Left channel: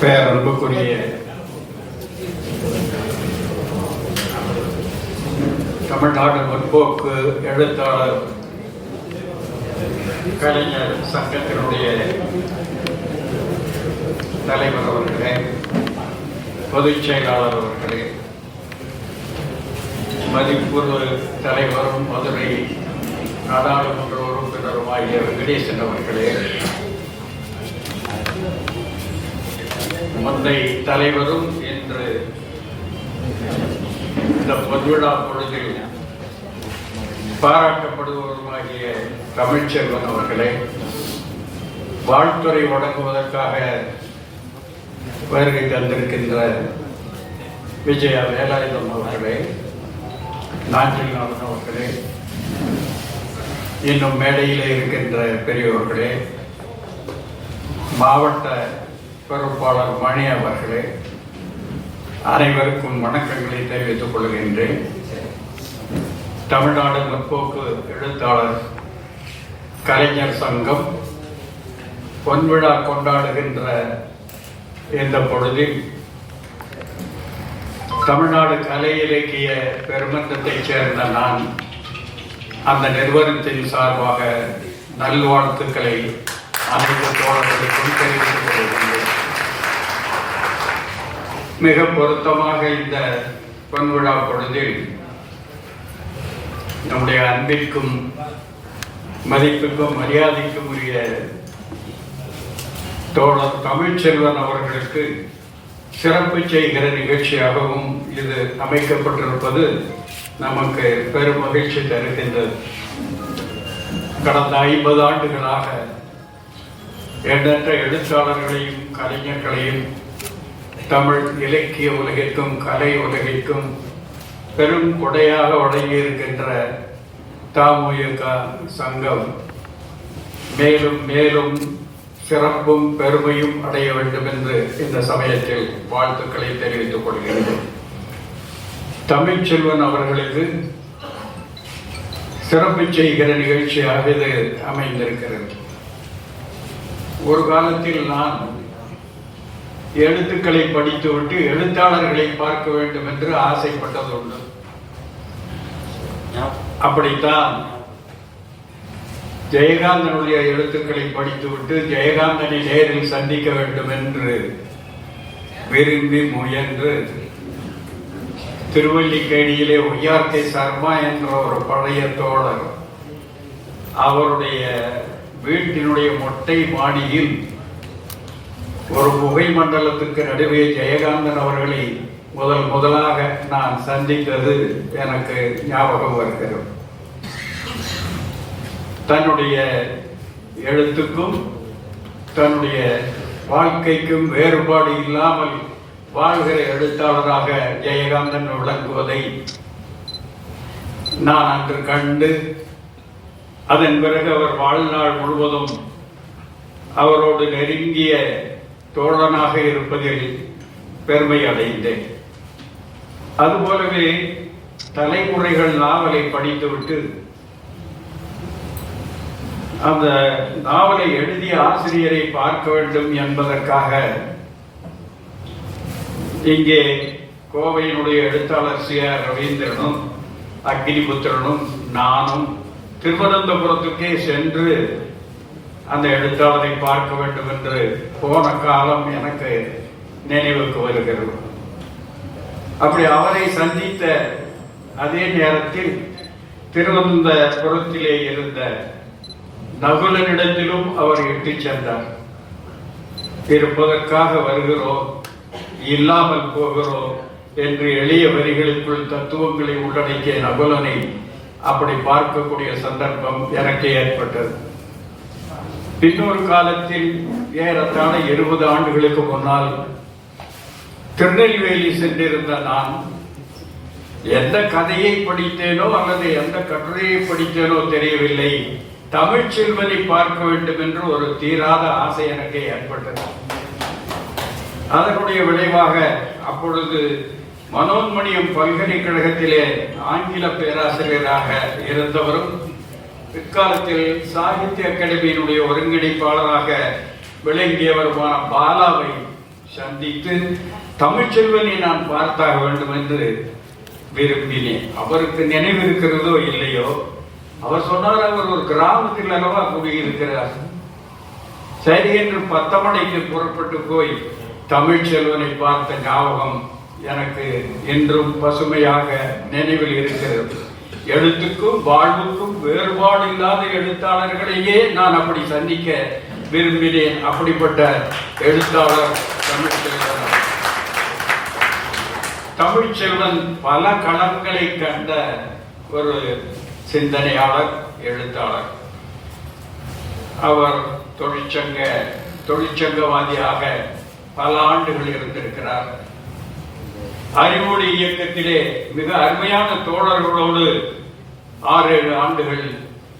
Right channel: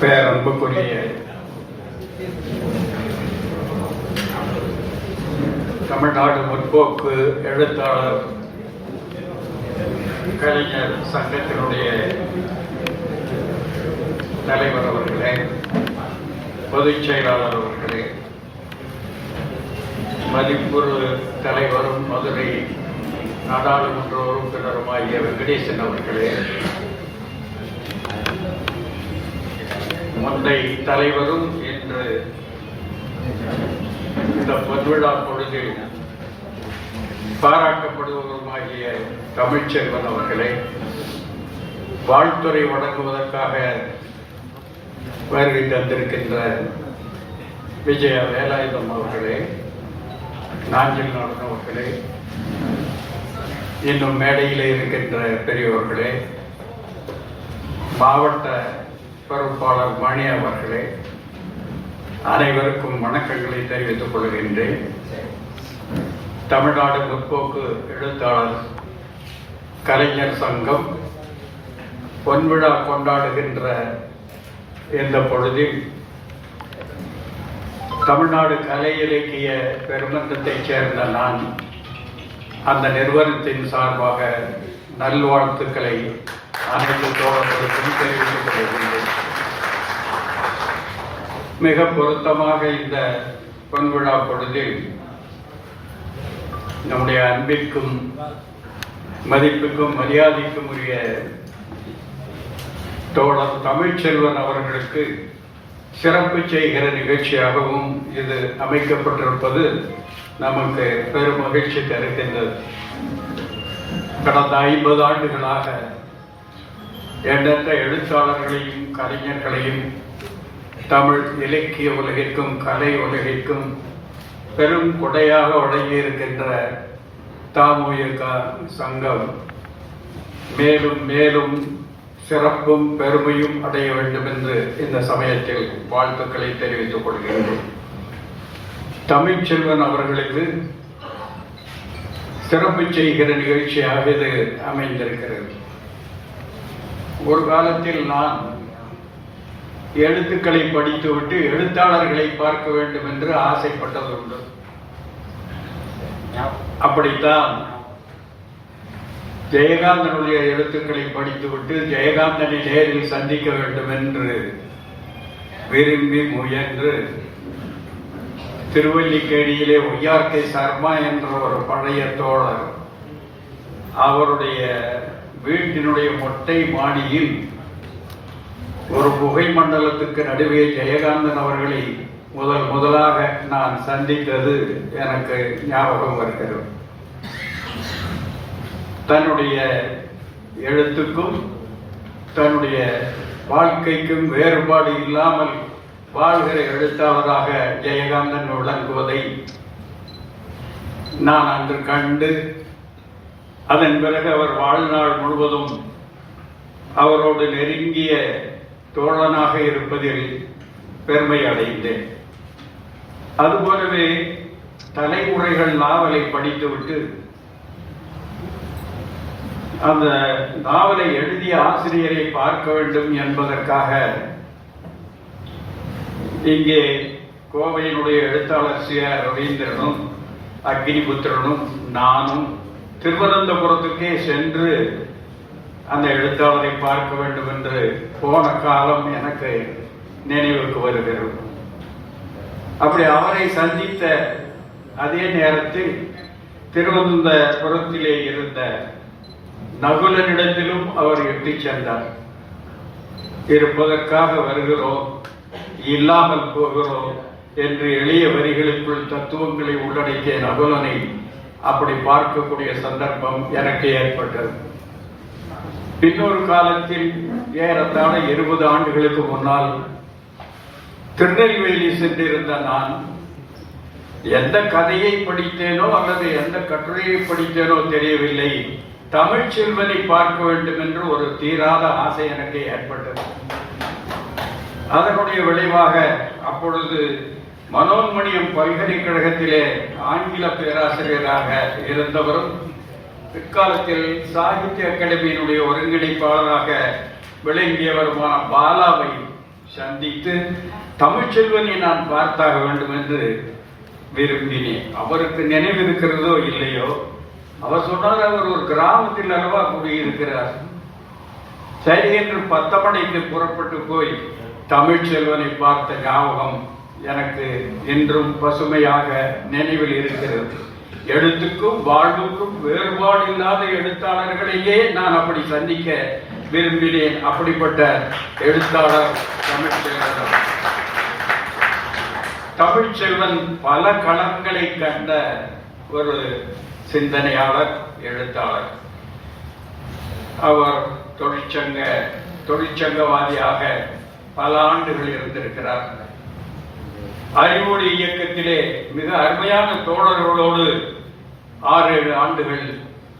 பேரன்புக்குரிய தமிழ்நாடு முற்போக்கு எழுத்தாளர் கலைஞர் சங்கத்தினுடைய தலைவர் அவர்களே பொதுச் செயலாளர் அவர்களே மதிப்புறு தலைவரும் மதுரை நாடாளுமன்ற உறுப்பினருமாகிய வெங்கடேசன் அவர்களே முந்தை தலைவரும் இன்று இந்த பொதுவிழா பொழுது பாராட்டப்படுபவருமாகிய தமிழ்ச்செல்வன் அவர்களே வாழ்த்துறை வழங்குவதற்காக வருகை தந்திருக்கின்ற விஜயா வேலாயுதம் அவர்களே நாஞ்சில் நாடன் அவர்களே இன்னும் மேடையில் இருக்கின்ற பெரியவர்களே மாவட்ட பொறுப்பாளர் மணி அவர்களே அனைவருக்கும் வணக்கங்களை தெரிவித்துக் கொள்கின்றேன். தமிழ்நாடு முற்போக்கு எழுத்தாளர் கலைஞர் சங்கம் பொன்விழா கொண்டாடுகின்ற இந்த பொழுதில் தமிழ்நாடு கலை இலக்கிய பெருமந்தத்தைச் சேர்ந்த நான் அந்த நிறுவனத்தின் சார்பாக நல்வாழ்த்துக்களை அனைத்து தோழர்களுக்கும் மிக பொருத்தமாக இந்த பொன்விழா பொழுதில் நம்முடைய அன்பிற்கும் மதிப்புக்கும் மரியாதைக்கும் உரிய தோழர் தமிழ்ச்செல்வன் அவர்களுக்கு சிறப்பு செய்கிற நிகழ்ச்சியாகவும் இது அமைக்கப்பட்டிருப்பது நமக்கு பெரும் மகிழ்ச்சி தருகின்றது. கடந்த ஐம்பது ஆண்டுகளாக எண்ணற்ற எழுத்தாளர்களையும் கலைஞர்களையும் தமிழ் இலக்கிய உலகிற்கும் கலை உலகிற்கும் பெரும் கொடையாக வழங்கி இருக்கின்ற தாமுயக சங்கம். மேலும் மேலும் சிறப்பும் பெருமையும் அடைய வேண்டும் என்று இந்த சமயத்தில் வாழ்த்துக்களை தெரிவித்துக் கொள்கிறேன் தமிழ்ச்செல்வன் அவர்களுக்கு சிறப்பு செய்கிற நிகழ்ச்சியாக இது அமைந்திருக்கிறது. ஒரு காலத்தில் நான் எழுத்துக்களை படித்துவிட்டு எழுத்தாளர்களை பார்க்க வேண்டும் என்று ஆசைப்பட்டது உண்டு. அப்படித்தான் ஜெயகாந்தனுடைய எழுத்துக்களை படித்துவிட்டு ஜெயகாந்தனை நேரில் சந்திக்க வேண்டும் என்று விரும்பி முயன்று திருவல்லிக்கேணியிலே ஒய்யார்கே சர்மா என்ற ஒரு பழைய தோழர் அவருடைய வீட்டினுடைய மொட்டை மாடியில் ஒரு புகை மண்டலத்துக்கு நடுவே ஜெயகாந்தன் அவர்களை முதல் முதலாக நான் சந்தித்தது எனக்கு ஞாபகம் வருகிறது. தன்னுடைய எழுத்துக்கும் தன்னுடைய வாழ்க்கைக்கும் வேறுபாடு இல்லாமல் வாழ்கிற எழுத்தாளராக ஜெயகாந்தன் விளங்குவதை நான் அன்று கண்டு அதன் பிறகு அவர் வாழ்நாள் முழுவதும் அவரோடு நெருங்கிய தோழனாக இருப்பதில் பெருமை அடைந்தேன். அதுபோலவே தலைமுறைகள் நாவலை படித்துவிட்டு அந்த நாவலை எழுதிய ஆசிரியரை பார்க்க வேண்டும் என்பதற்காக இங்கே கோவையினுடைய எழுத்தாளர் சி ஆர் ரவீந்திரனும் அக்னிபுத்திரனும் நானும் திருவனந்தபுரத்துக்கே சென்று அந்த எழுத்தாளரை பார்க்க வேண்டும் என்று போன காலம் எனக்கு நினைவுக்கு வருகிறது. அப்படி அவரை சந்தித்த அதே நேரத்தில் திருவனந்தபுரத்திலே இருந்த நகுலனிடத்திலும் அவர் எட்டி சென்றார். இருப்பதற்காக வருகிறோம் இல்லாமல் போகிறோம் என்று எளிய வரிகளுக்குள் தத்துவங்களை உள்ளடக்கிய நகுலனை அப்படி பார்க்கக்கூடிய சந்தர்ப்பம் எனக்கு ஏற்பட்டது. பின்னொரு காலத்தில் ஏறத்தாழ இருபது ஆண்டுகளுக்கு முன்னால் திருநெல்வேலி சென்றிருந்த நான் எந்த கதையை படித்தேனோ அல்லது எந்த கட்டுரையை படித்தேனோ தெரியவில்லை. தமிழ் செல்வனை பார்க்க வேண்டும் என்று ஒரு தீராத ஆசை எனக்கு ஏற்பட்டது. அதனுடைய விளைவாக அப்பொழுது மனோன்மணியம் பல்கலைக்கழகத்திலே ஆங்கில பேராசிரியராக இருந்தவரும் பிற்காலத்தில் சாகித்ய அகாடமியினுடைய ஒருங்கிணைப்பாளராக விளங்கியவருமான பாலாவை சந்தித்து தமிழ்ச்செல்வனை நான் பார்த்தாக வேண்டும் என்று விரும்பினேன். அவருக்கு நினைவு இருக்கிறதோ இல்லையோ அவர் சொன்னார் அவர் ஒரு கிராமத்தில் அளவா குடியிருக்கிறார். சரி என்று பத்து மணிக்கு புறப்பட்டு போய் தமிழ்ச்செல்வனை பார்த்த ஞாபகம் எனக்கு என்றும் பசுமையாக நினைவில் இருக்கிறது. எழுத்துக்கும் வாழ்வுக்கும் வேறுபாடு இல்லாத எழுத்தாளர்களையே நான் அப்படி சந்திக்க விரும்பினேன். அப்படிப்பட்ட எழுத்தாளர் தமிழ்ச்செல்வன். தமிழ்ச்செல்வன் பல களங்களை கண்ட ஒரு சிந்தனையாளர் எழுத்தாளர். அவர் தொழிற்சங்க தொழிற்சங்கவாதியாக பல ஆண்டுகள் இருந்திருக்கிறார். அறிவொளி இயக்கத்திலே மிக அருமையான தோழர்களோடு ஆறு ஏழு ஆண்டுகள்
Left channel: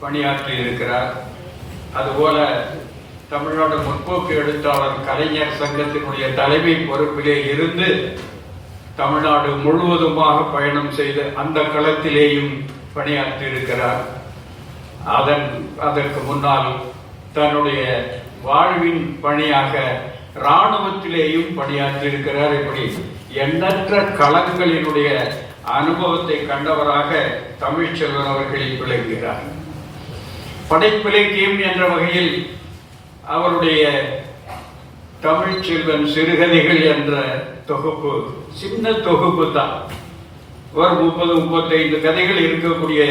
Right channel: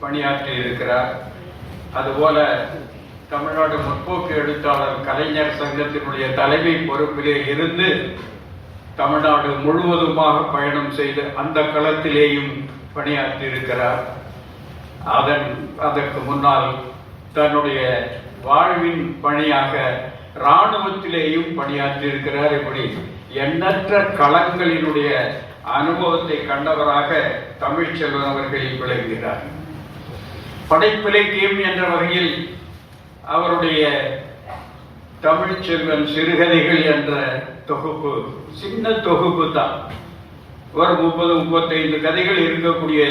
பணியாற்றி இருக்கிறார். அதுபோல தமிழ்நாடு முற்போக்கு எழுத்தாளர் கலைஞர் சங்கத்தினுடைய தலைமை பொறுப்பிலே இருந்து தமிழ்நாடு முழுவதுமாக பயணம் செய்து அந்த களத்திலேயும் பணியாற்றி இருக்கிறார். அதன் அதற்கு முன்னால் தன்னுடைய வாழ்வின் பணியாக இராணுவத்திலேயும் பணியாற்றி இருக்கிறார். இப்படி எண்ணற்ற களங்களினுடைய அனுபவத்தை கண்டவராக தமிழ்ச்செல்வன் அவர்கள் விளங்குகிறார். படைப்பிலக்கியம் என்ற வகையில் அவருடைய தமிழ்ச்செல்வன் சிறுகதைகள் என்ற தொகுப்பு சின்ன தொகுப்பு தான். ஒரு முப்பது முப்பத்தைந்து கதைகள் இருக்கக்கூடிய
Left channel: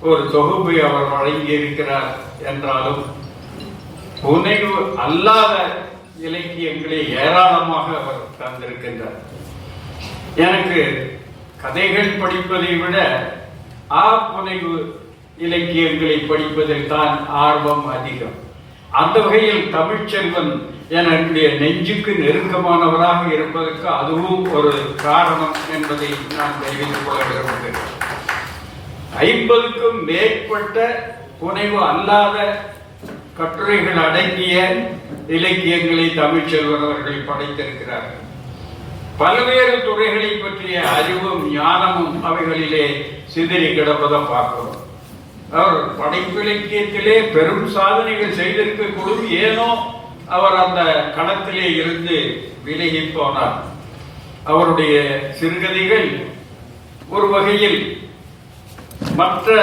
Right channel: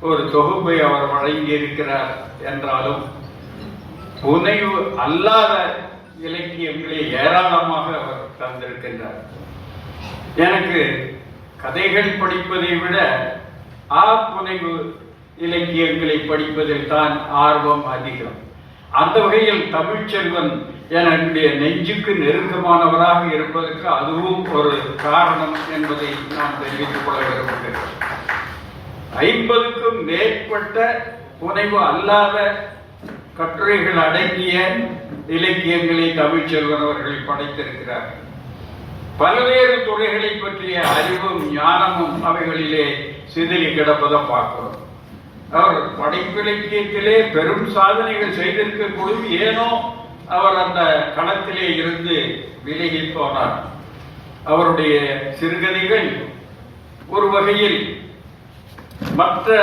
ஒரு தொகுப்பை அவர் வழங்கி இருக்கிறார் என்றாலும் புனைவு அல்லாத இலக்கியங்களை ஏராளமாக அவர் தந்திருக்கின்றார். எனக்கு கதைகள் படிப்பதை விட ஆ புனைவு இலக்கியங்களை படிப்பதில் தான் ஆர்வம் அதிகம். அந்த வகையில் தமிழ்ச்செல்வன் என்னுடைய நெஞ்சுக்கு நெருக்கமானவராக இருப்பதற்கு அதுவும் ஒரு காரணம் என்பதை நான் தெரிவித்துக் கொள்ள விரும்புகிறேன். ஐம்பதுக்கும் மேற்பட்ட புனைவு அல்லாத கட்டுரைகள் அடங்கிய இலக்கியங்களை தமிழ்ச்செல்வன் அவர்கள் படைத்திருக்கிறார்கள். பல்வேறு துறைகளை பற்றிய அறிவும் ஞானமும் அவைகளிலே சிதறி கிடப்பதை பார்க்கிறோம். அவர் படைப்பிலக்கியத்திலே பெரும் சாதனைகள் செய்திருக்கக்கூடும். ஏனோ அவர் அந்த களத்திலே இருந்து விலகி போனார். அவருடைய சிறுகதைகள் ஒரு வகையில் மற்ற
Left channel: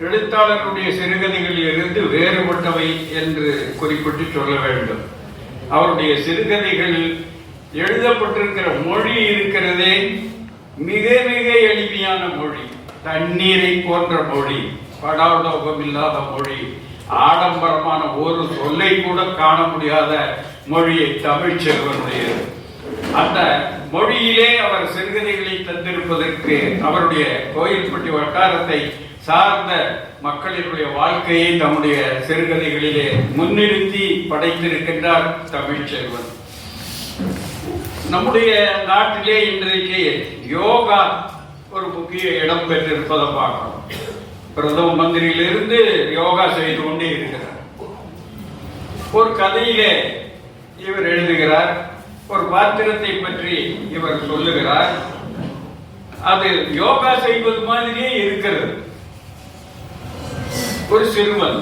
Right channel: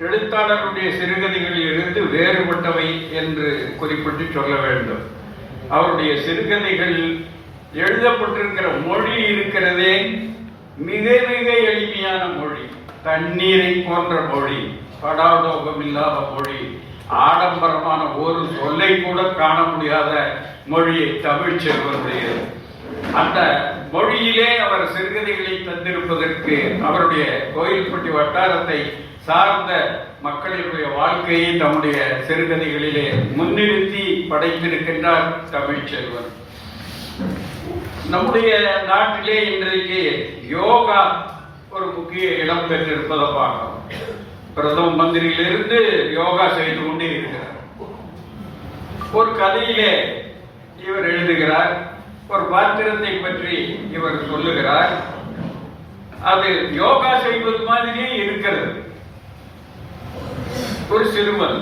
எழுத்தாளர்களுடைய சிறுகதைகளில் இருந்து வேறுபட்டவை என்று குறிப்பிட்டு சொல்ல வேண்டும். அவருடைய சிறுகதைகள் எழுதப்பட்டிருக்கிற மொழி இருக்கிறதே மிக மிக எளிமையான மொழி. தண்ணீரை போன்ற மொழி படாடோகம் இல்லாத மொழி ஆடம்பரமான ஒரு சொல்லை கூட காண முடியாத மொழியை தமிழ் செல்வனுடையது அந்த மொழியிலே அவர் சிறுகதைகளை தந்திருப்பதற்கு அவருடைய கோயில்பட்டி வட்டாரத்தை சார்ந்த மக்களினுடைய வாழ்க்கையை தம்முடைய சிறுகதைகளிலே முன்னிறுத்தி படைத்திருக்கின்றார் தமிழ்ச்செல்வன் நம்முடைய நாட்டிலே இன்றைக்கு யோகா ஒரு முக்கிய இடம் பெற்றிருப்பதை பார்க்கிறோம். பிரதம மந்திரியிலிருந்து யோகா செய்து கொண்டே இருக்கிறார். ஒரு கதையிலே இவர் எழுதுகிறார். ஒரு பாத்திரத்தை பற்றி இவர் சொல்லுகிறார். அது யோகா செய்வது மாதிரியே இருக்கிறது. ஒரு சிறுவன்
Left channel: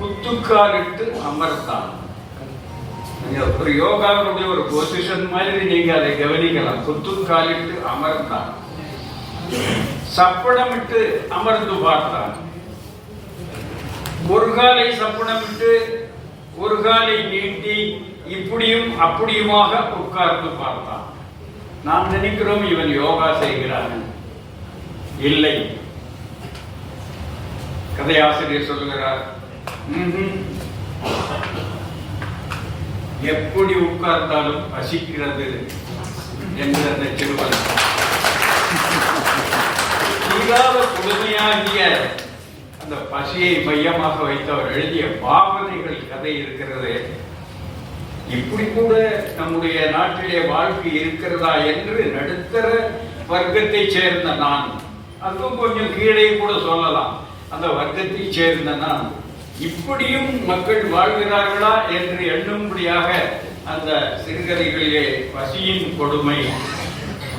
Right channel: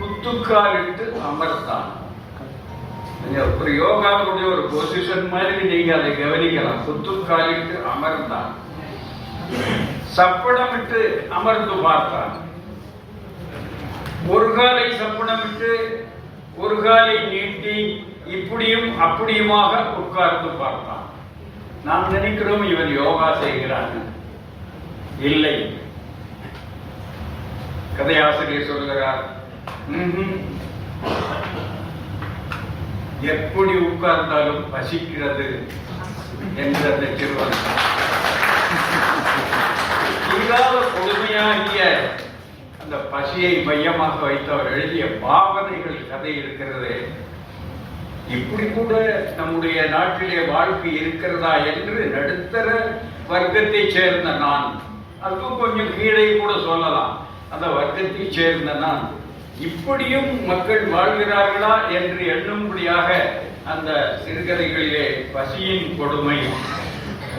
குத்துக்காலிட்டு அமர்த்தான் ஒரு யோகாவினுடைய ஒரு பொசிஷன் மாதிரி நீங்க அதை கவனிக்கலாம் குத்துக்காலிட்டு அமர்ந்தான் சப்பனமிட்டு அமர்ந்து பார்த்தான் ஒரு காலை சப்பனமிட்டு ஒரு காலை நீட்டி இப்படியும் அப்படியுமாக உட்கார்ந்து பார்த்தான் நாம் நினைக்கிறோம் இவன் யோகா செய்கிறான் இல்லை கதையாசிரியர் சொல்லுகிறார் எப்படி உட்கார்ந்தாலும் பசிக்கிறது என்று அந்த திருவன் தீராத கொடுமையாகிய அந்த பசியை மையமாக வைத்து அவர் எழுதிய பாவனைகள் கதை இருக்கிறது. இப்படி கூட நம்முடைய நாட்டிலே வாழ்க்கை இருக்கிறதா என்று நடுத்தர வர்க்கத்தைச் சேர்ந்த நான் அதுவும் கொஞ்சம் கீழே கூட சொல்லலாம். அந்த வர்க்கத்தை சேர்ந்த நான் இப்படியும் மக்கள் வாழ்கிறார்களா என்று எண்ணும்படியாக அந்த சிறுகதைகளிலே பசியின் கொடுமை.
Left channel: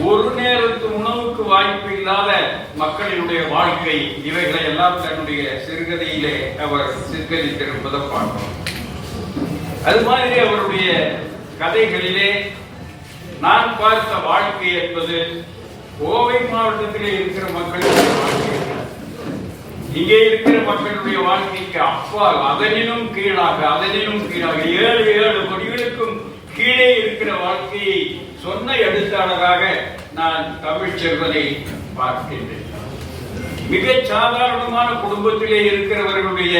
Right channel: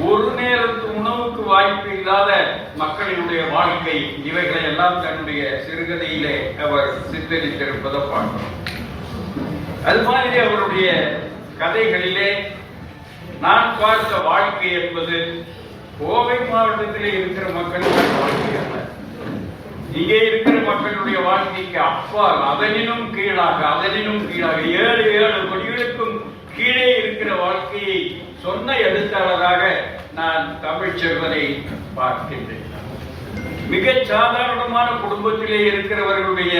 ஒரு நேரத்து உணவுக்கு வாய்ப்பு இல்லாத மக்களினுடைய வாழ்க்கை இவைகளை எல்லாம் தன்னுடைய சிறுகதையிலே அவர் சித்தரித்திருப்பதை பார்க்கிறோம் அது மாதிரி அவருடைய கதைகளிலே நான் பார்த்த வாழ்க்கை என்பது கோவை மாவட்டத்திலே இருக்கிற மக்களுடைய வாழ்க்கை. இங்கே இருக்கிற மக்களுடைய வாழ்க்கைக்கு அப்பால் அதனினும் கீழாக அதனினும் கீழாக ஏழு ஏழு கொடிகளுக்கும் கீழே இருக்கிற வாழ்க்கையை சொன்ன எழுத்தாளராக நான் தமிழ் செல்வதை பார்க்கின்றேன். மிக சாதாரணமான குடும்பத்திலே இருக்கிறவர்களுடைய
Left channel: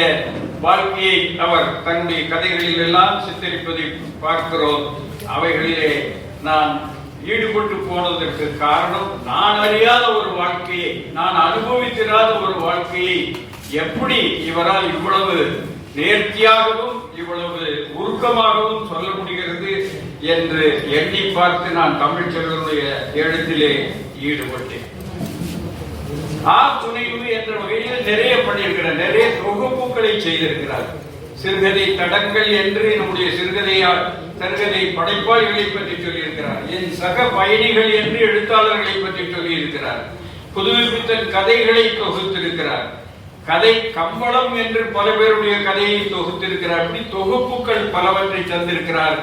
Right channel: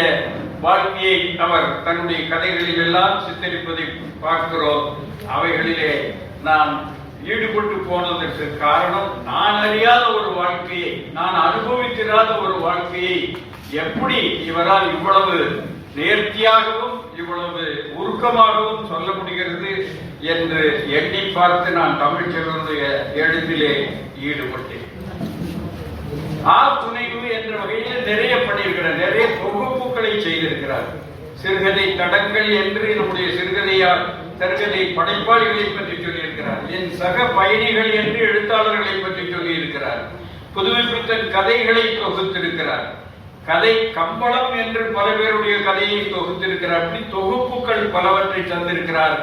வாழ்க்கையை அவர் தன்னுடைய கதைகளில் எல்லாம் சித்தரிப்பதை பார்க்கிறோம். அவைகளிலே நான் ஈடுபட்டு போனதற்கு காரணம் நான் அறியாத ஒரு வாழ்க்கையை நான் அனுபவித்திராத ஒரு வாழ்க்கையை எப்படி இவரால் இவ்வளவு நேர்த்தியாகவும் இவ்வளவு உருக்கமாகவும் சொல்ல முடிகிறது என்று எண்ணி பார்த்து நான் தமிழ்ச்செல்வனுடைய எழுத்திலே ஈடுபட்டேன். ஆ துணைவு என்ற வகையில் நிறைய பண்ணியிருக்கிறார் நிறைய தொகுப்புகளை செய்திருக்கிறார். சிறுகதை தடங்கள் என்று நம்முடைய சிறுகதையால் சிறுகதை படைப்பாளிகளை பற்றி சொல்லியிருக்கிறார். என் சக பயணிகள் என்று எழுத்தாளர்களை பற்றி சொல்லியிருக்கிறார். புதுமைப்பித்தன் கதைகளை தொகுத்திருக்கிறார். கதை கம்பளம் என்று பல பேருடைய கதையை தொகுத்திருக்கிறார். அப்படி தொகுப்புகள் பலவற்றை தந்திருக்கிறார்.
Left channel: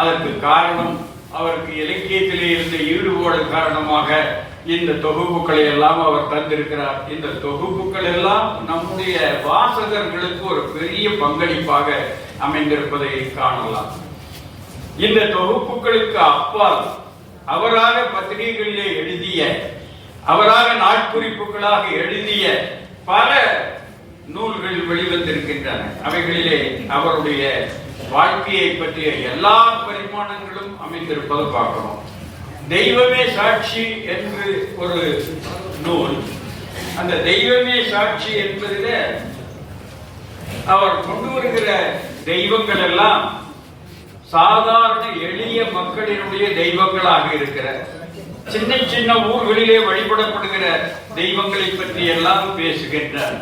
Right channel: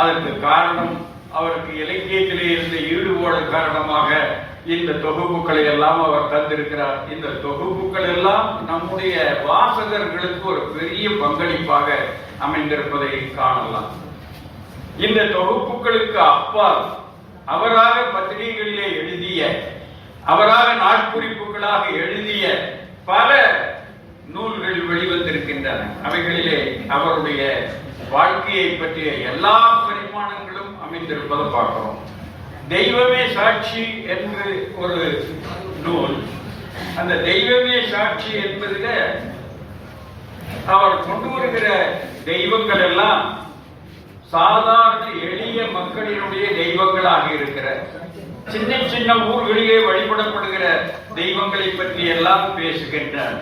அதற்கு காரணம் அவருக்கு இலக்கியத்திலே இருந்த ஈடுபாடு காரணமாக இந்த தொகுப்புகளை எல்லாம் அவர் தந்திருக்கிறார். இந்த தொகுப்புகள் எல்லாம் நம்முடைய வாசகர்களுக்கு ஒரு பெரிய பங்களிப்பாக அமைந்திருப்பதை காணலாம். இந்த தொகுப்புகளுக்கு அப்பால் அவராக பத்திரிகைகளிலே எழுதிய அவராக நாட்குறிப்புகளாக எழுதிய பல நூல்கள் வெளிவந்திருக்கின்றன. அவைகளிலே அவருடைய வாழ்க்கையை பற்றிய எல்லா பரிமாணங்களும் அமைந்திருப்பதை பார்க்கிறோம். தெய்வமே சாட்சி என்று ஒரு நூல். அந்த தெய்வமே சாட்சி என்பதில் அவர் கொண்டு வருகிற தெய்வங்கள் எல்லாம் சாதாரண எளிய மக்களினுடைய தெய்வங்களாக இருக்கிற சின்ன சின்ன ஊர்களிலே வழிபடப்படுகிற தெய்வங்களை பற்றி எல்லாம் பேசுகின்றார்.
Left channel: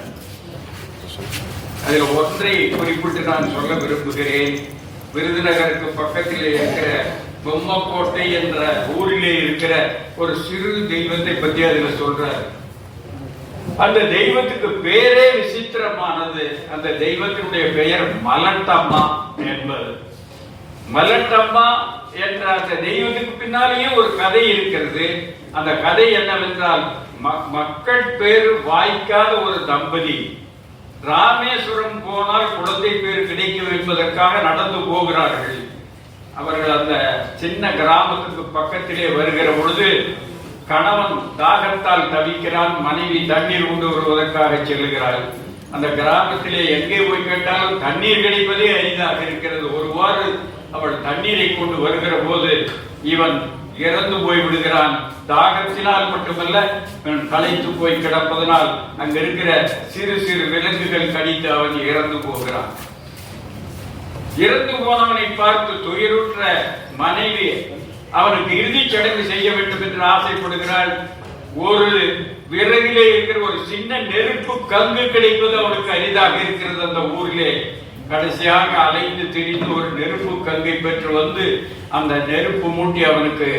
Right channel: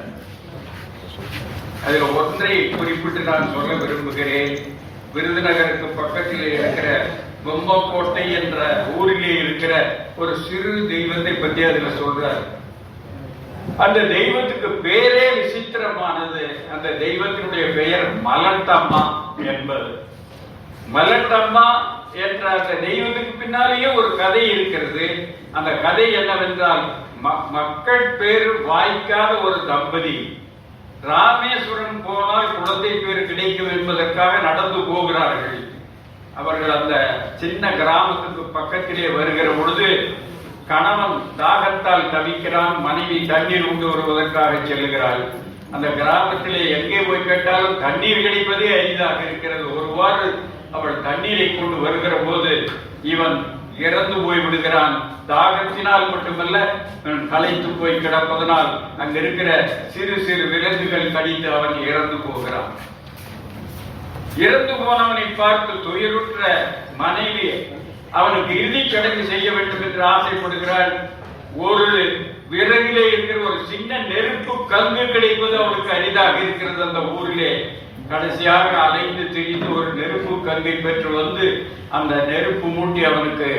அதில் ஒன்றை குறிப்பிட்டு நான் சொல்ல விரும்புகிறேன். விருதுநகருக்கு பக்கத்தில் இருக்கிற பொம்மக்கோட்டை என்ற ஊரிலே இருக்கிற ஒரு சிறு தெய்வத்தை பற்றி அதில் சொல்றார். அந்த தெய்வத்துக்கு பேரே விசித்திரமானது. அந்த தெய்வத்தினுடைய பெயர் மலட்டம்மா என்பது. மலட்டம்மா என்ற அந்த தெய்வத்துக்கு பின்னாலேயே ஒரு கதை இருக்கிறது. அந்த கதை என்னவென்றால் மக்கள் பேர் வாய்க்காத ஒரு தம்பதி. ராமேஸ்வரம் போனால் குழந்தை பேர் கிடைக்கும் என்பதற்காக நடந்து போகிறார்கள். அவர்கள் அந்த சின்ன கிராமத்துக்கு பக்கத்திலே வருகிற பொழுது கணவன் தாகத்தால் தவிக்கிறான் மனைவி தண்ணீர் கொண்டு வருவதற்காக செல்லுகிறாள். அந்த கிராமத்திலே எங்கே போய் கேட்டாலும் தண்ணீர் கிடைப்பதே அரிதாக இருக்கிறது. ஒருவாறு அவள் தண்ணீரை கொண்டு வருகிற போது இவன் இறந்து போய் விடுகிறான் தாகத்தினால் மட்டுமல்ல களைத்து போய் கிடப்பதனால் அங்க இருக்கிற சிறு சிறு விலங்குகள் கடித்து அவன் இறந்து போகிறான். இறந்து போனவனை பார்த்து துயருற்ற மனைவி அவனுக்கு இறுதிச் சடங்கு செய்ய வேண்டும் என்று ஆசைப்படுகிறாள். ஒரு விறகிலே இருக்கிற ஒரு சின்ன நெருப்பு கங்கு கிடைப்பது அவனுக்கு அரிதாக இருக்கிறது அந்த ஊரிலே. கடைசியாக அலைந்து திரிந்து ஒரு நெருப்பு கங்கை பெற்று வந்து அந்த நெருப்பு மூட்டி அவனுக்கு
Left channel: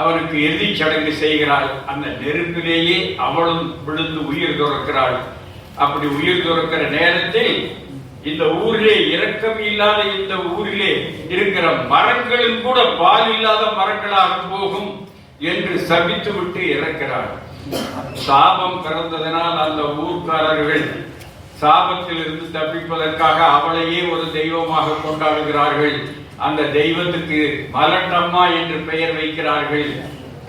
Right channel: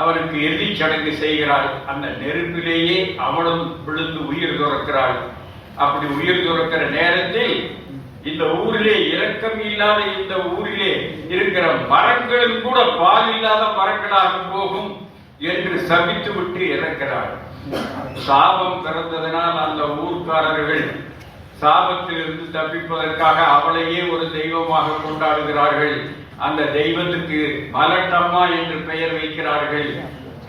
அவனுக்கு இறுதிச் சடங்கு செய்கிறாள். அந்த நெருப்பிலேயே அவளும் விழுந்து உயிர் துறக்கிறாள். அப்படி உயிர் துறக்கிற நேரத்தில் இந்த ஊரிலே இரக்கம் இல்லாத இந்த ஊரிலே இருக்கிற மரங்களும் கூட பால் இல்லாத மரங்களாக போகும் என்று சபித்து விட்டு இறக்கிறாள். சாபம் பிறந்ததனால் அந்த ஊர்க்காரர்கள் சாபத்திலிருந்து தப்பிப்பதற்காக அவளையே ஒரு தெய்வமாக கொண்டாடுகிறார்கள். அந்த தெய்வத்துக்கு மலட்டம்மா என்று பெயர் வைக்கிறார்கள்.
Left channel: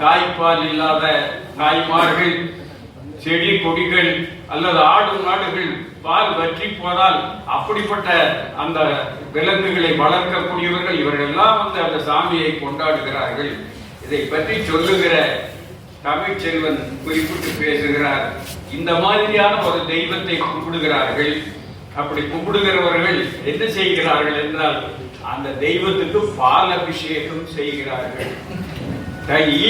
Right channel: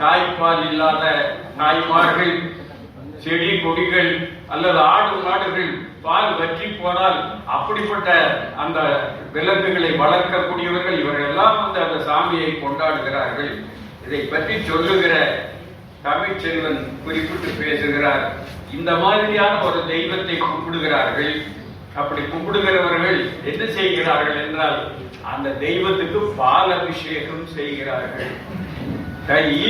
தாய்ப்பால் இல்லாத தாய்மார்கள் செடி கொடிகள் அல்லது ஆடு மாடுகள் பால் வற்றி போனால் அப்படிப்பட்ட அந்த விலங்குகளை வளர்க்கக்கூடியவர்கள் இவர்கள் எல்லாம் வந்து அந்த சாமியை கொண்டாடுகிறார்கள். இதை பற்றி சொல்லுகிற தமிழ்ச்செல்வன் குறிப்பிட்டு பேசுகிறார். இந்த மாதிரியான ஒரு தெய்வத்தை கும்பிடுகிறார்கள் அப்படி கும்பிடுகிறவர்கள் என்ன செய்கிறார்கள் என்றால் அந்த தெய்வத்துக்கு பால் அபிஷேகம் செய்கிறார்கள்.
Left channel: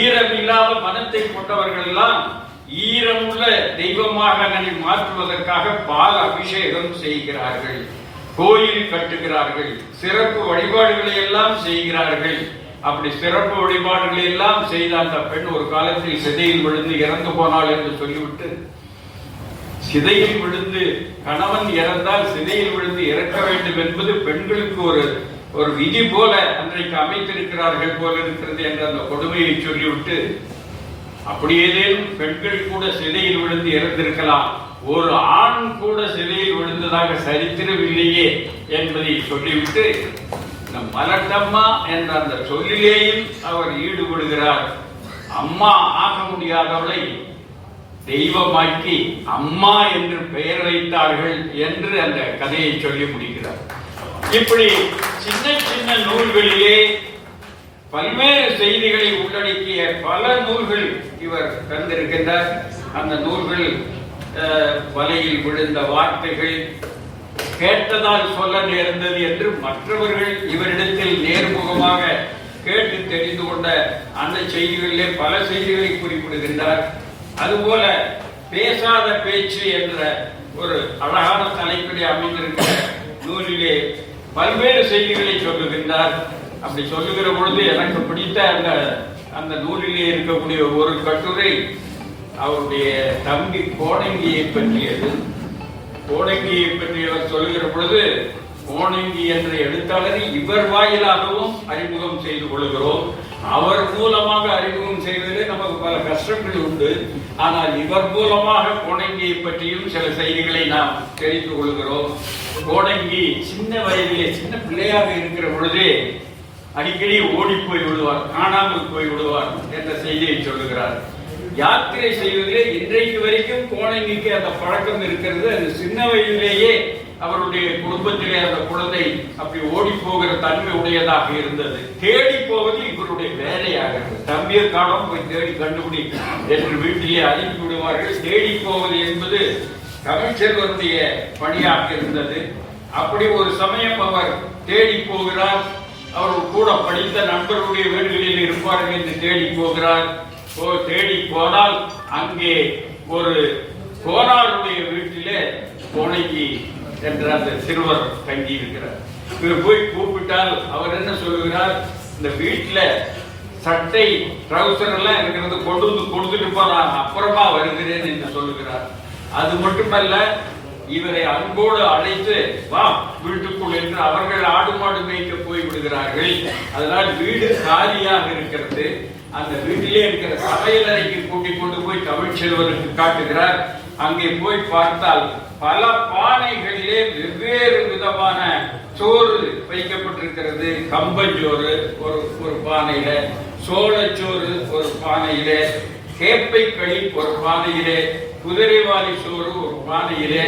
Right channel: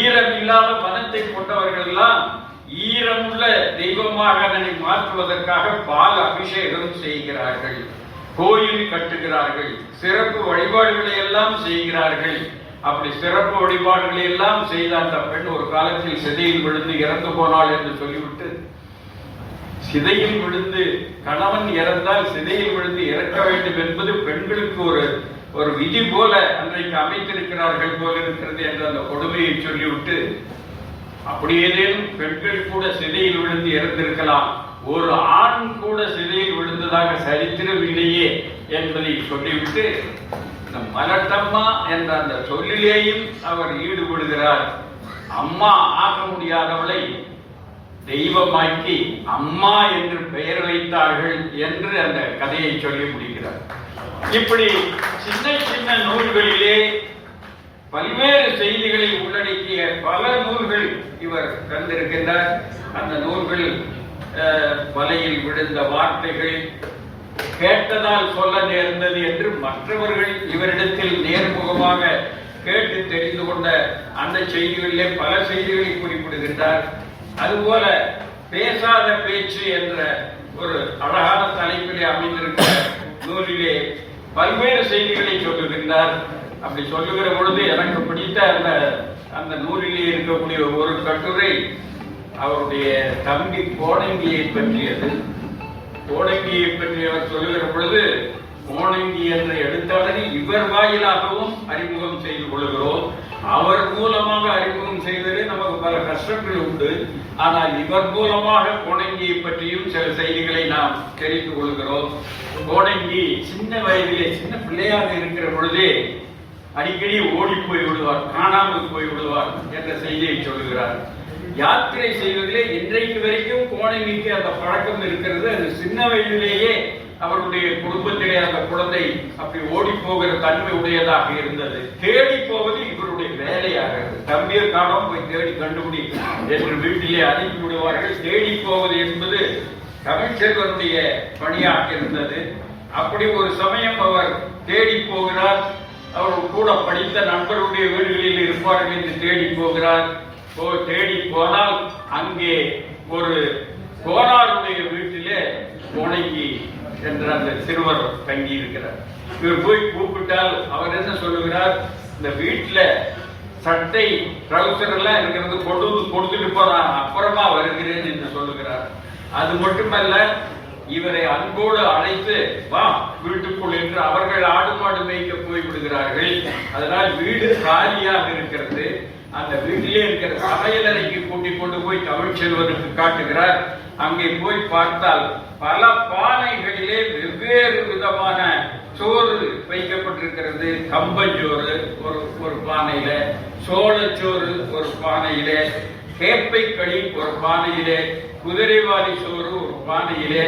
ஈரம் இல்லாத மனத்தை கொண்டவர்கள் எல்லாம் ஈரமுள்ள தெய்வமாக அதனை மாற்றுவதற்காக பால் அபிஷேகம் செய்கிறார்கள். கோயில் கட்டுகிறார்கள் சிறப்பு வழிபாடுகளை எல்லாம் செய்கிறார்கள். அப்படி சிறப்பு வழிபாடுகளை எல்லாம் செய்த அந்த பெண் ஒரு காலத்தில் சிதையில் விழுந்து இறந்து போனாள் என்று சொல்லிவிட்டு சிதையில் விழுந்து கணவன் இறந்தால் சிதையில் விழுந்து இறக்க வேண்டும் என்பது பெண்களுக்கு ஒரு ஒரு விதி போல அன்றைக்கு அமைத்திருக்கிறார்கள் போல இருக்கிறது என்ற அந்த கொடுமையை சொல்லிவிட்டு அப்படி ஏதேனும் பெண்கள் கூட சிதையில் விழுந்து இறந்திருக்கலாம். ஒரு ஆண் கூட சிதையில் விழுந்ததாக சரித்திரம் இல்லையே என்பதை சொல்லிவிட்டு இந்த மலட்டம்மா என்ற அந்த சொல்லிலேயும் அவர் ஈடுபடுகிறார். அம்மா ஆக முடியாதவளை தெய்வமாக்கி அம்மா என்று பெயர் வைத்தார்கள் என்று அந்த கதையை சொல்லி முடிக்கிறார். இப்படி சின்ன சின்ன நூல்களிலே பல்வேறு செய்திகளை உள்ளடக்கிய பல நூல்கள் இவர் தந்திருக்கின்றார். அந்த நூல்கள் வலையில் விழுந்த வார்த்தைகள் கேட்டதால் சொல்ல நேர்ந்தது என்று மற்றவர்கள் இவரிடத்தில் நேர்முகமாக கேட்டு தெரிந்து கொண்ட அந்த செய்திகளிலே பல செய்திகளை குறிப்பிடுகின்றார். அதுபோல பேசாத பேச்சு என்ற ஒரு அழகான தலைப்பிலே அமைந்திருக்கிற நூலிலே பல்வேறு செய்திகளை சொல்லுகின்றார். அப்படி சொல்லுகிற பொழுது எனக்கு பிடித்த அந்த அந்த நூலிலே இருக்கக்கூடிய ஒரு கட்டுரை அவருடைய தம்பி கோணங்கியை பற்றியது. கோணங்கியை பற்றி அவர் சொல்லுகிற பொழுது கோணங்கி என்ற எழுத்தாளரை இவர் வாயிலாகவும் அறிமுகம் செய்து கொள்கிறோம். அவர் மூலமாக அறிமுகம் செய்வதிலே நமக்கு பல கஷ்டங்கள் உண்டு. ஆனால் இவர் மூலமாக கோணங்கியை பற்றியும் சில செய்திகளை நாம் தெரிந்து கொள்கிறோம். கோணங்கி சின்ன வயதிலே சின்ன பிள்ளையாக இருக்கிற பொழுதே அடிக்கடி ஓடி போய் விடுவார் காணாமல் போய் விடுவார் என்ற செய்தியை சொல்லுகிறார். யாத்திரை செய்வதிலே இன்றைக்கு வரைக்கும் கோணங்கிக்கு அந்த பழக்கம் இருக்கிறது. அது சின்ன வயதிலேயே அவருடைய குடும்பத்திலே அந்த குழந்தை அப்படி ஓடி போகிற தன்மை உடையதாக இருந்தது. தேடி போவது இவருடைய வேலையாக தம்பியர் காணோம் போய் தேடி கண்டுபிடி என்று வீட்டிலே அனுப்பி விடுவார்கள். தேடி போவது என்பது தமிழ்ச்செல்வனுடைய பணியாக இருந்தது. அப்படி ஒரு சமயம் அவர் தேடி போகிறார். அவர் கூட படித்த நண்பருடைய வீடுகளில் இருப்பார்கள் என்று தேடி போகிறார். தேடி போனால் அங்கே ஒரு கோனாருடைய வீட்டிலே கோணங்கி என்ற அந்த சிறுவர் தங்கி இருக்கிறார் இவர் போய் கூப்பிட்டால் அவர் என்ன சொல்லுகிறார்? இந்த வீட்டுல சட்டை ட்ரௌசர் எல்லாம் இருக்கிறது கொண்டு வந்து கொடுத்துட்டு போறான் அப்புறமா வருகிறேன் என்று சொல்லுகிறார். அது மட்டுமல்ல இவரை அன்போடு அழைத்து வா வீட்டுக்குள் என்று அவர்கள் ஆடு மாடு மேய்க்க போய் விடுகிறார்கள். அதனால் வீடு காலியாக இருக்கிறது. அந்த வீட்டிலே இருக்கிற சமையலறைக்கு கூட்டிக் கொண்டு போய் தமிழ்ச்செல்வருக்கு காட்டுகிறார். அங்கே போய் பார்த்தால் பல பானைகளிலே வெவ்வேறு விதமான சோறு வைக்கப்பட்டிருக்கிறது. கம்பஞ்சோறு ஒரு ஒரு பானையில சோளச்சோறு ஒரு பானையிலே கேப்பை களி ஒரு பானையிலே குதிரைவாலி சோறு ஒரு பானையிலே.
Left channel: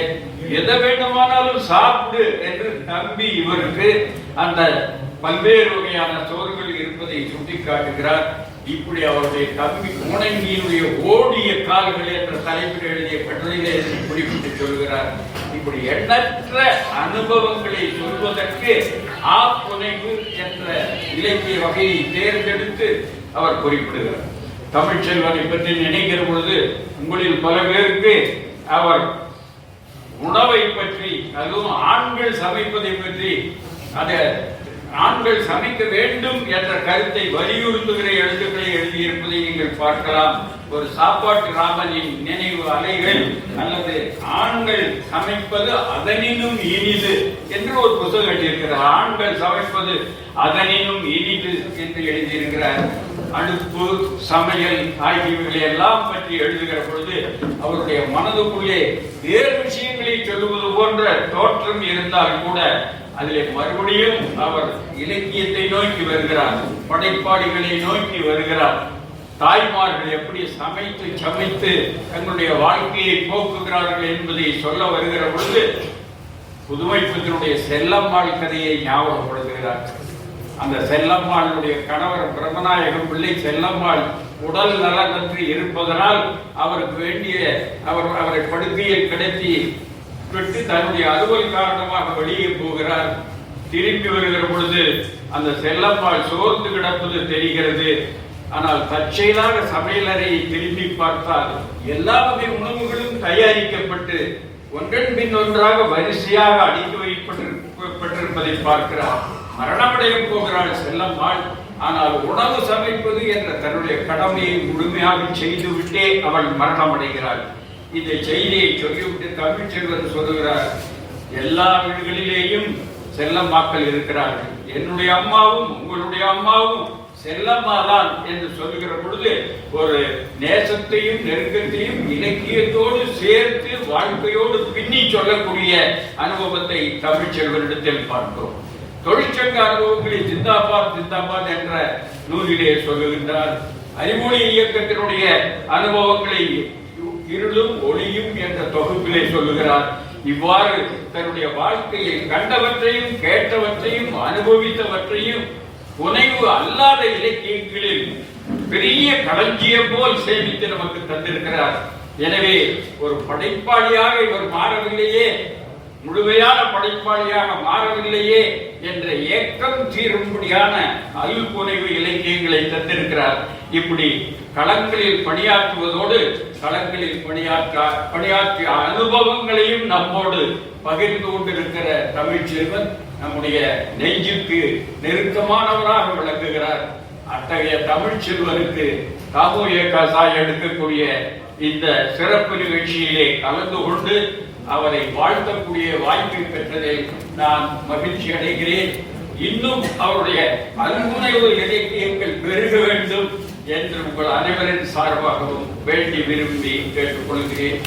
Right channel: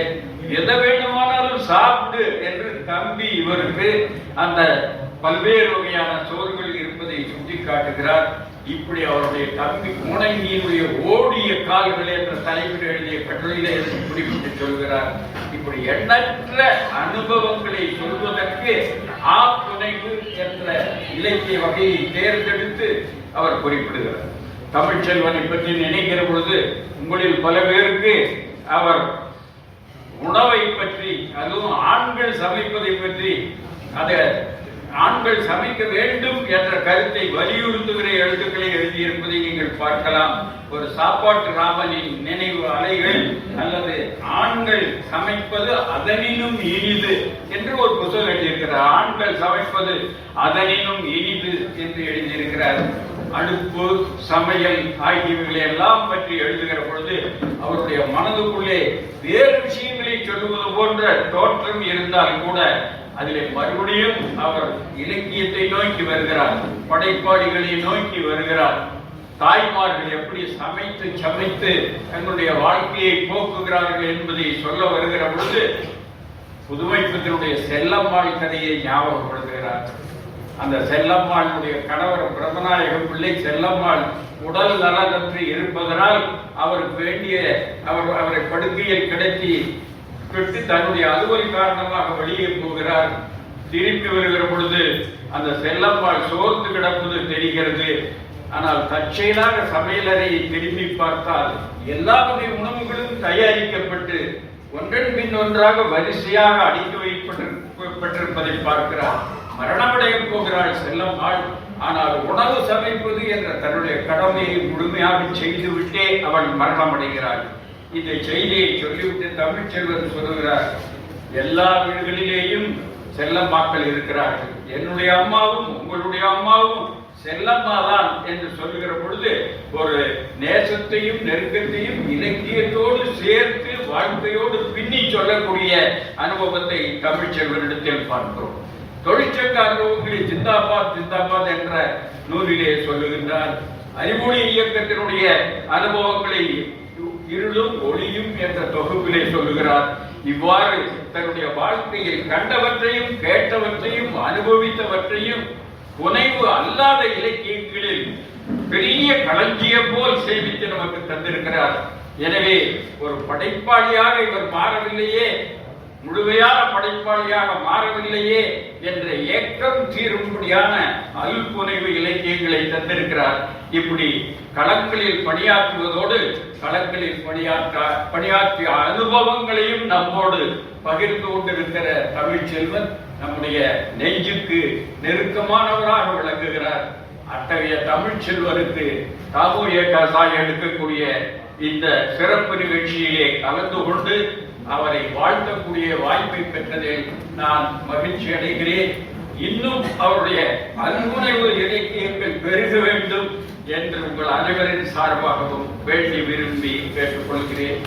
எதை வேண்டுமானாலும் சாப்பிடு என்று தம்பி இவருக்கு அந்த பல்வேறு வகையான சோறுகள் இருப்பதை சுட்டி காட்டுகிறார் இப்படி அவருடைய தம்பி முணங்கியினுடைய ஓடிய கால்கள் என்ற தலைப்பில் எழுதிய கட்டுரையிலே குறிப்பிட்டு சொல்கிறார். இப்படி எண்ணற்ற அனுபவங்களை சொல்வதற்கு ஆப்புனைவு என்ற இலக்கிய வகையை தேர்ந்தெடுத்து அவர் குறிப்பிடுகிறார். தமிழ்ச்செல்வனை பற்றி நினைக்கிற பொழுது உங்களில் பல பேருக்கு அவர் உணவை பற்றி அதுவும் ஆண்கள் சமைப்பதை பற்றி அதை ஆண்கள் சமைக்க வேண்டும் என்ற கருத்தை வலியுறுத்துகிற எழுத்துக்களை எழுதியிருப்பதை நீங்கள் பார்க்கலாம். ஒரு சாப்பாட்டு ராமனின் நினைவு அலைகள் அல்லது ஆண்கள் சமைப்பது அதனினும் இனிது என்று ஒரு புத்தகம் எழுதியிருக்கிறார். ஆண்கள் சமைப்பது அதனினும் இனிது என்று எழுதியிருக்கிறார். அடுப்பு சமையல் ஆகியவைகளை எல்லாம் பற்றி எழுதுகிற பொழுது அவருடைய மனதுக்குள்ளே வேறு விஷயங்களை சொல்லுவது போன்ற தோற்றம் இருந்தால் கூட அதிலே மறுபடியும் அவர் இலக்கியத்தை நோக்கி வருகிறார் படைப்பாளிகளை நோக்கி வருகிறார். தாய்மார்கள் எப்படி சமைத்து சமைத்து தங்களுடைய வாழ்க்கையை போக்குகிறார்கள் என்பதை சொல்ல வருகிற பொழுது புதுமைப்பத்தினுடைய செல்லம்மாள் கதையை ஞாபகப்படுத்துகிறார். அந்த செல்லம்மாளுடைய கணவர் பிரம்மநாயகம் பிள்ளை செல்லம்மாள் உடல் நலனற்று இருப்பதனால் அவருக்கு வேண்டிய அவர் அவரை படுக்கையில் கிடத்தி பெற்று தன்னுடைய அலுவல் காரணமாக வெளியே போகிறார். திரும்பி வருகிற பொழுது அந்த செல்லம்மாள் சோர்ந்து கிடப்பது தெரிகிறது. ஆனால் தற்செயலாக சமையலறையை திரும்பி பார்த்தால் எல்லா வகை உணவுகளும் தயாரிக்கப்பட்டு ஒன்றன் பின் ஒன்றாக வரிசையாக அடுக்கி வைக்கப்பட்டிருப்பதை பார்க்கிறார். மரணமடைய போகிறாள் செல்லம்மாள். ஆனால் உணவு சமைப்பது என்ற தன்னுடைய கடமையை முழுமையாக செய்துவிட்டே அவள் மரணமடைகிறாள். இந்த செய்தியை சொல்லிவிட்டு தமிழ் செல்வன் சொல்லுகிறார் எல்லா வீடுகளிலேயும் செல்லம்மாக்கள் இருக்கிறார்கள். என்னுடைய அம்மாவும் உங்களுடைய அம்மாவும் செல்லம்மா தான் என்று சொல்லுகிற பொழுது ஒரு நேசத்தையும் நெருக்கத்தையும் இலக்கியத்தோடு சேர்த்து வாழ்க்கையோடு பின்னி சொல்லக்கூடிய அனுபவத்தை தமிழ்ச்செல்வனிடத்தில் பார்க்கிறோம். தொழிற்சங்க அனுபவங்களை ஜிந்தாபாத் ஜிந்தாபாத் என்ற நூலிலே சொல்லுகின்றார். அறிமொழி இயக்கத்தினுடைய அனுபவங்களை இருளும் ஒளியும் என்ற தொகுப்பிலே சொல்லுகிறார். இவ்வாறு தன்னுடைய வாழ்க்கையில் கண்டவற்றையும் கேட்டவற்றையும் அனுபவித்தவற்றையும் புனைவு அல்லாத இலக்கியங்களில் பெரிய களஞ்சியம் போல் சேமித்து நமக்கு தந்திருக்கிறார். எனவே ஒரு படைப்பாளியாக இவர் மாறவில்லையே முழுமையான படைப்பாளியாக மாறவில்லையே என்ற ஏக்கம் தீரும்படியான அல்புனைவு இலக்கியங்களை தந்திருக்கிறார். இப்படி களங்களில் பணியாற்றுவதோடு களங்களில் பணியாற்ற பணியாற்றிய அனுபவங்களையும் நம்மோடு பகிர்ந்து கொண்டிருக்கிற தமிழ்ச்செல்வன் நம்முடைய நெஞ்சுக்கு நெருக்கமானவராக விளங்குகிறார். அத்தகைய தமிழ்ச்செல்வருக்கு செல்வருக்கு ஏகாசாய் எடுக்கக்கூடிய இந்த சிறப்பு நிகழ்ச்சியிலே கலந்து கொண்டு அவரை வாழ்த்தக்கூடிய வாய்ப்பை பெற்றதில் நான் மகிழ்ச்சி அடைகிறேன். இன்னும் அவருடைய அன்புணர்வு இலக்கியங்கள் பெருக வேண்டும். என்று உங்கள் அனைவரின் சார்பாகவும் வேண்டி விரும்பி கேட்டுக்கொள்கிறேன்.